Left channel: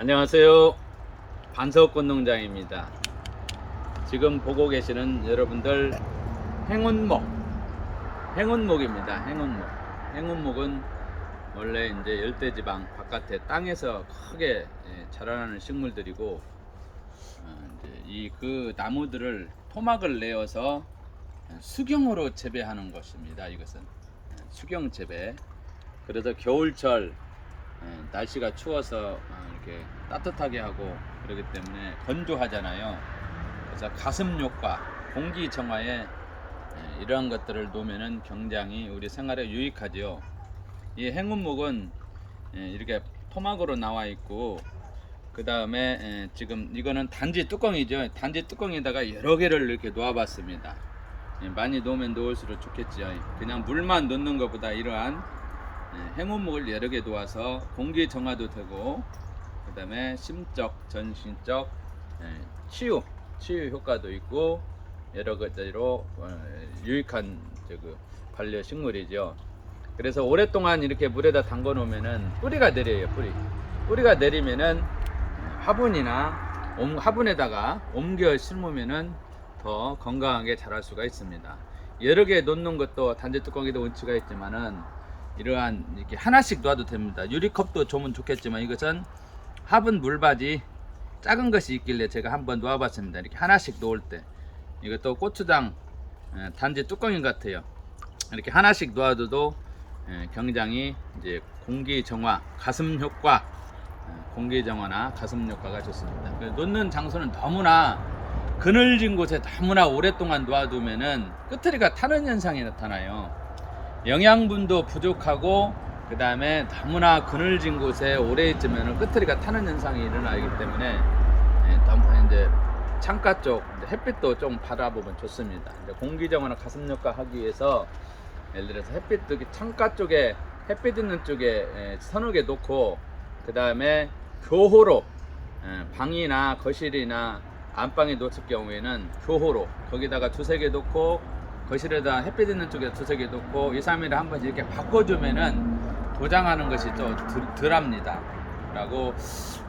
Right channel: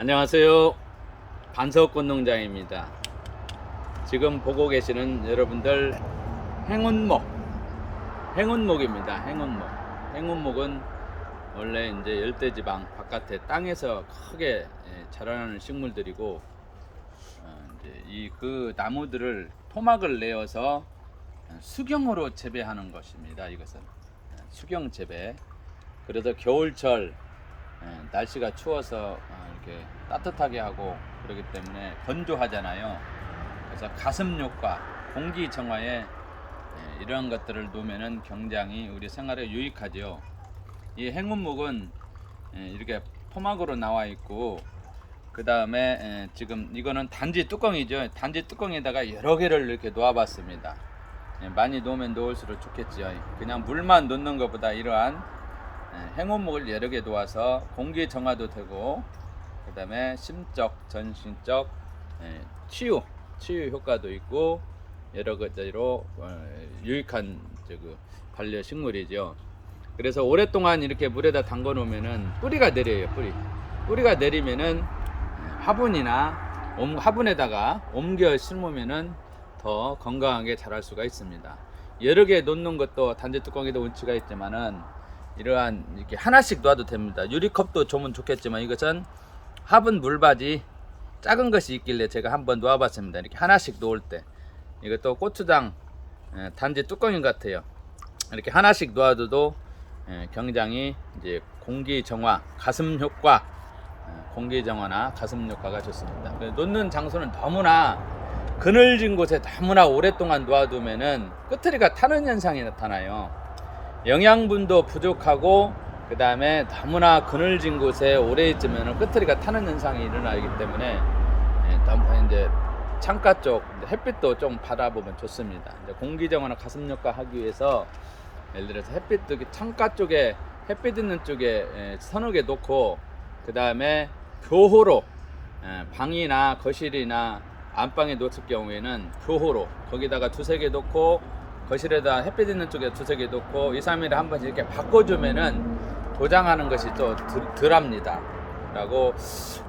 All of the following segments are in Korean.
안녕하세요. 반석꽃 농장입니다. 지금 보고 계시는 여러분들 행운목, 행운목입니다. 행운목. 행운목은 원래 이제 열대지방 바깥에 땅에서 크게 예, 자라나는 식물들이고 어, 이제 이그 나무들을 토막을 내어서 수경으로 재배하는 것입니다. 이것은 예, 수경 재배. 그래서 겨울철 어, 날씨가 추워서 어, 이렇게 따뜻하게 하고 그러기 때문에 건조하잖아요. 그래서 가슴 효과, 공기 정화에 예, 이러한 것들을 놓으면은 굉장히 우리 생활에 유익하죠. 이 행운목은 예, 이렇게 토막으로 나와 있고 그 다음에 지금 이거는 단지 뚜껑이죠. 단지 뚜껑에다가 여러 개를 이렇게 놓아봤습니다. 예, 많이 놓으면 놓을수록 좋겠지요. 그냥 물만 놓는 것보다 이러한 예, 행운목을 여러 개 놓아서 공기 정화도 되고 그 다음에 심적, 전신적 예, 치유, 치유 효과도 있고 여러 가지로 어, 유익한 저그 반려 식물이죠. 그래서 오랫동안 이렇게 물에다 담궈 놓으면은 뿌리가 내려요. 뿌리. 뿌리가 내리면은 화분이나 옴- 화분에다가 옮겨 심으면은 더 건강하게 자랄 수가 있습니다. 여러 개 놓는 것도 단지 뚜껑에도 운치가 있지만은 이러한 이렇게 하나씩 놔도 됩니다. 유리컵도 좋으면 좋겠지만 이것은 화분 물바지 작은 것이 있길래 제가 한번 놓아봤습니다. 이렇게 하나씩 놓을 때 이것도 고추장 예, 단지 뚜껑인 것 같아요. 이렇게 하나씩 놓아둬도 예, 굉장히 이제 공기 정화, 가슴 효과, 어, 공기 정화나 가슴 효과가 좋습니다. 놓는 장소는 너무나 그늘진 곳에 너무나 오랫동안 놓아두면은 끄트리가 타는 현상이 나타나요. 영양분도 부족하고 그 다음에 너무나 그늘진 곳에 오래 있으면 끄트리가 타는 현상이 일어나기 때문에 예, 너무 이제 창가 쪽 햇빛도 좀 받아보면 좋습니다. 공기 정화나 가슴 효과 하기 위해서 예를 들어서 햇빛 도 창가 쪽에 햇빛 있는 쪽에 예, 서너 개 놓고 그 다음에 교호로 예, 방이나 거실이나 안방에 놓을 경우에는 교호로 거기다가 두세 개 놓고 거실에다 햇빛 있는 쪽에 두세 개 놓고 2, 3일에 한 번씩 이렇게 바꿔주면은 도장하는 것이 또 덜- 덜합니다. 라고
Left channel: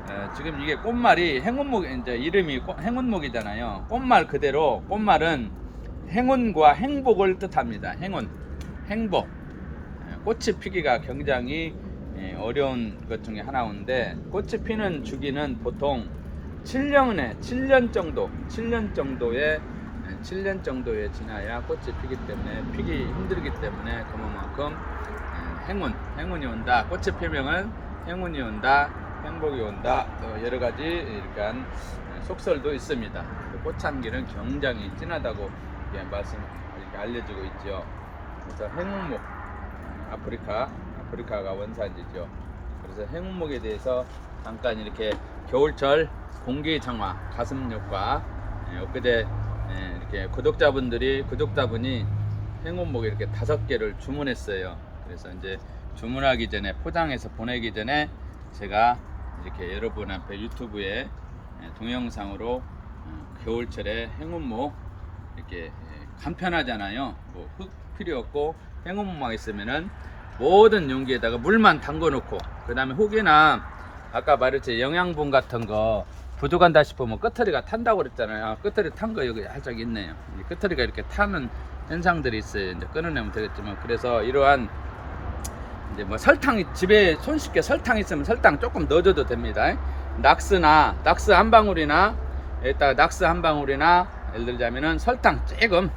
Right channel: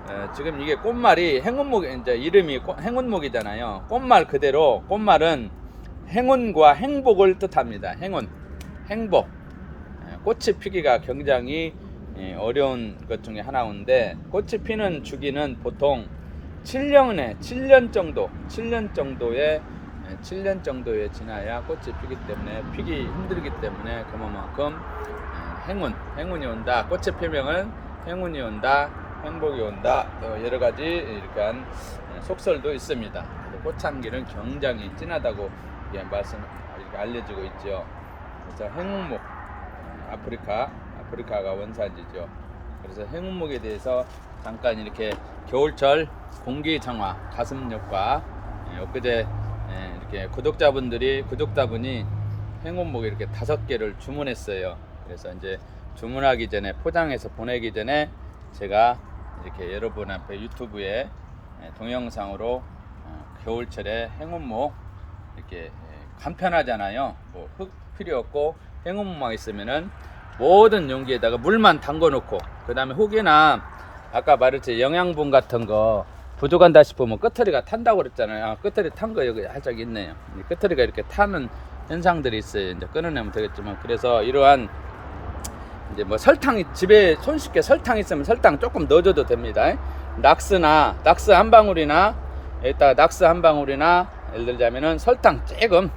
어, 지금 이게 꽃말이 행운목 이제 이름이 꽃- 행운목이잖아요. 꽃말 그대로 꽃말은 행운과 행복을 뜻합니다. 행운, 행복. 예, 꽃이 피기가 굉장히 예, 어려운 것 중에 하나인데 꽃이 피는 주기는 보통 7년에 7년 정도, 7년 정도의 예, 7년 정도에 지나야 꽃이 피기 때문에 피기 힘들기 때문에 그만큼 예, 행운, 행운이 온다. 꽃의 표명은 행운이 온다, 행복이 온다. 어, 여러 가지 이러한 속설도 있습니다. 꽃향기는 굉장히 진하다고 예, 말씀 이렇게 알려지고 있죠. 그래서 행운목, 예, 아프리카, 아프리카가 원산지죠. 그래서 행운목에 대해서 잠깐 이렇게 겨울철 공기 정화, 가슴 효과, 예, 엊그제 예, 이렇게 구독자분들이 구독자분이 행운목 이렇게 다섯 개를 주문했어요. 그래서 이제 주문하기 전에 포장해서 보내기 전에 제가 이렇게 여러분 앞에 유튜브에 예, 동영상으로 어, 겨울철에 행운목 이렇게 예, 간편하잖아요. 뭐 흙 필요 없고 행운목만 있으면은 모든 용기에다가 물만 담궈 놓고 그 다음에 혹여나 아까 말했지 영양분 같은 거 부족한다 싶으면 끄트리가 탄다고 그랬잖아요. 아, 끄트리 탄거 여기 살짝 있네요. 이 끄트리가 이렇게 타는 현상들이 있어요. 이제 끊어내면 되겠지만 그래서 이러한 이제 뭐 설탕이 집에 손쉽게 설탕 있으면 설탕 조금 넣어줘도 됩니다. 낙스나 낙스 한 방울이나 여기다 낙스 한 방울이나 예를 들자면은 설탕 조금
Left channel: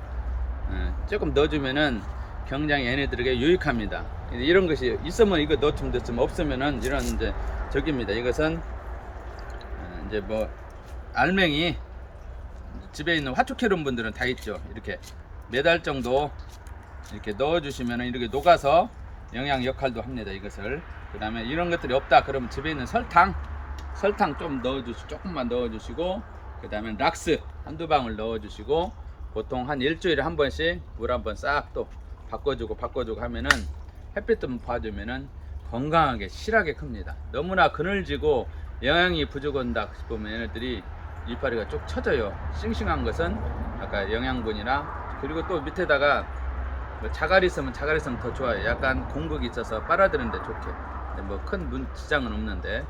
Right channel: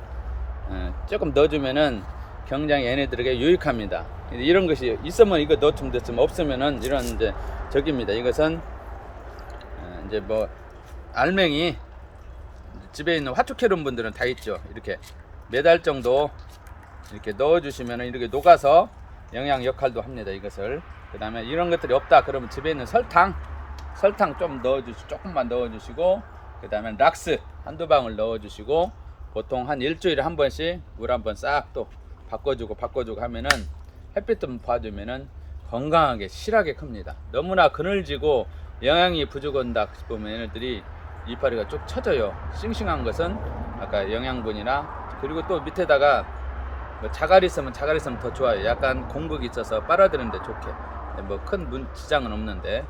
예, 조금 넣어주면은 굉장히 얘네들에게 유익합니다. 이런 것이 있으면 이거 넣으면 됐으면 없으면은 이런 이제 적입니다. 이것은 어, 이제 뭐 알맹이 집에 있는 화초캐론 분들은 다 있죠. 이렇게 매달 정도 이렇게 넣어주시면 이렇게 녹아서 영양 역할도 합니다. 이것을 그 다음에 이런 것들이 없다 그러면 집에 있는 설탕 설탕 좀 넣어주시 조금만 넣어주시고 그 다음에 락스 한두 방울 넣어주시고 보통 한 일주일에 한 번씩 물 한 번 싹 또 바꿔주고 바꿔주고 하면은 햇빛 좀 봐주면은 건강하게 실하게 큽니다. 너무나 그늘지고 영양이 부족한다 싶으면 얘네들이 이파리가 쭉 쳐져요. 싱싱한 것은 아까 영양분이나 그리고 또 밑에다가 뭐 자갈이 있으면 자갈이 있으면 더 좋아요. 약간 공극이 있어서 빨아들이는데 좋게. 뭐큰문 지장은 없는데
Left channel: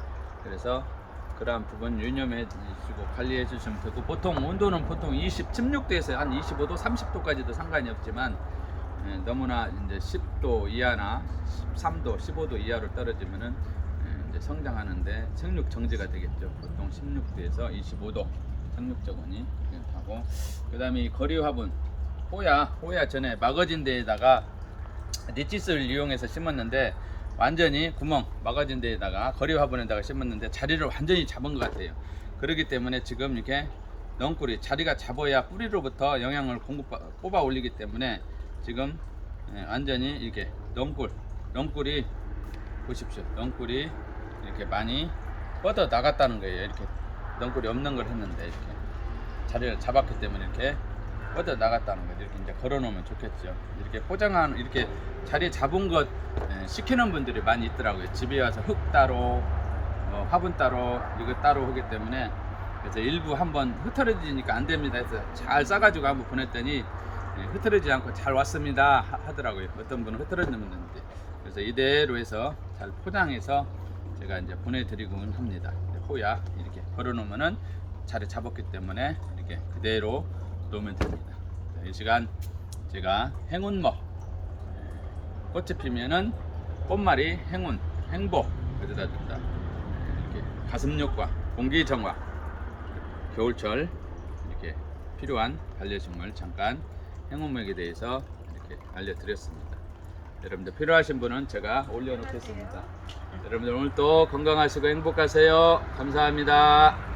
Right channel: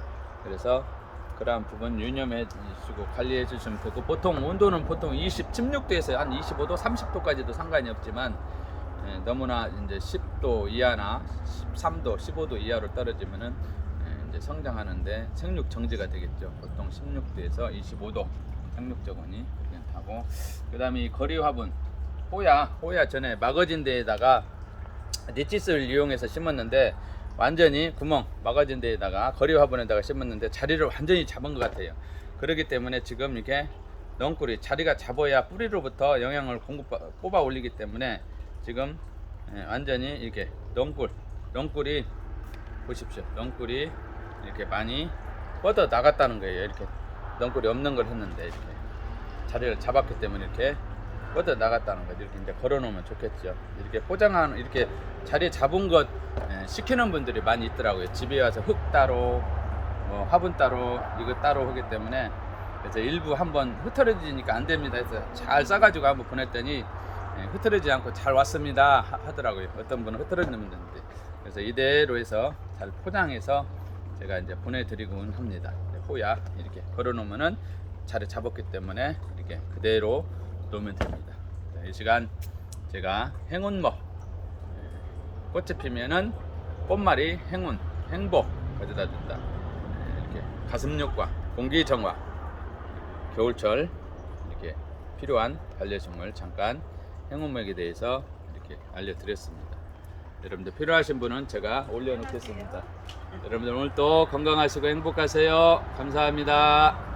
그래서 그러한 부분 유념해 주시고 관리해 주시면 되고 보통 온도는 보통 20, 16도에서 한 25도, 30도까지도 상관이 없지만 예, 너무나 이제 10도 이하나 13도, 15도 이하로 떨어지면은 예, 이제 성장하는데 생육 정지가 되겠죠. 보통 16도에서 25도 상륙 저온이 하고 그다음에 이 거리 화분 호야 호야 전에 마거진 데에다가 니치스를 이용해서 심었는데 완전히 구멍 마거진 데에다가 거리 화분에다가 심었는데 자리를 완전히 잡은 것 같아요. 그렇기 때문에 지금 이렇게 넝꿀이 자리가 잡아야 뿌리로부터 영양을 공급 뽑아 올리기 때문에 지금 예, 완전히 이렇게 넝꿀 넝꿀이 보십시오. 넝꿀이 이렇게 많이 뻗어 나갔다는 거예요. 이렇게 넝꿀이 없는 걸 했는데 이렇게 자리를 잡았기 때문에 이렇게 뻗어 나갔다는 거죠. 이렇게 이제 걸어놓으면 좋겠죠. 이렇게 포장한 이렇게 자리 잡은 것 예, 시키는 분들이 많이 있더라고요. 집에 와서 흙 따로, 뭐 화분 따로, 이거 따로 하기 때문에 그래서 일부 한번 흐트러지니까 안 됩니다. 해서 잘 싸가지고 한번 보냈더니 예, 흐트러지지 않고 잘 왔습니다 하- 하더라고요. 어떤 분은 흐트러지는 있는데 그래서 이대로 해서 잘 포장해서 제가 이제 보내드리곤 합니다. 호야 이렇게 걸어놓으면은 자리 잡았기 때문에 이렇게 그대로 놓으면 됩니다. 자, 이 시간 제가 행운먹 꽃이 피면은 꽃말이 행운, 행복 어디다 줬다. 이렇게 가슴욕과 공기 정화, 겨울철 이렇게 필요한 반려식물 잠깐 행운먹에 대해서 이렇게 알려드렸습니다. 여러분들 필요하신 분은 제가 올려놓겠습니다. 여러분들 오늘 또 건강하시고 행복하세요. 감사합니다.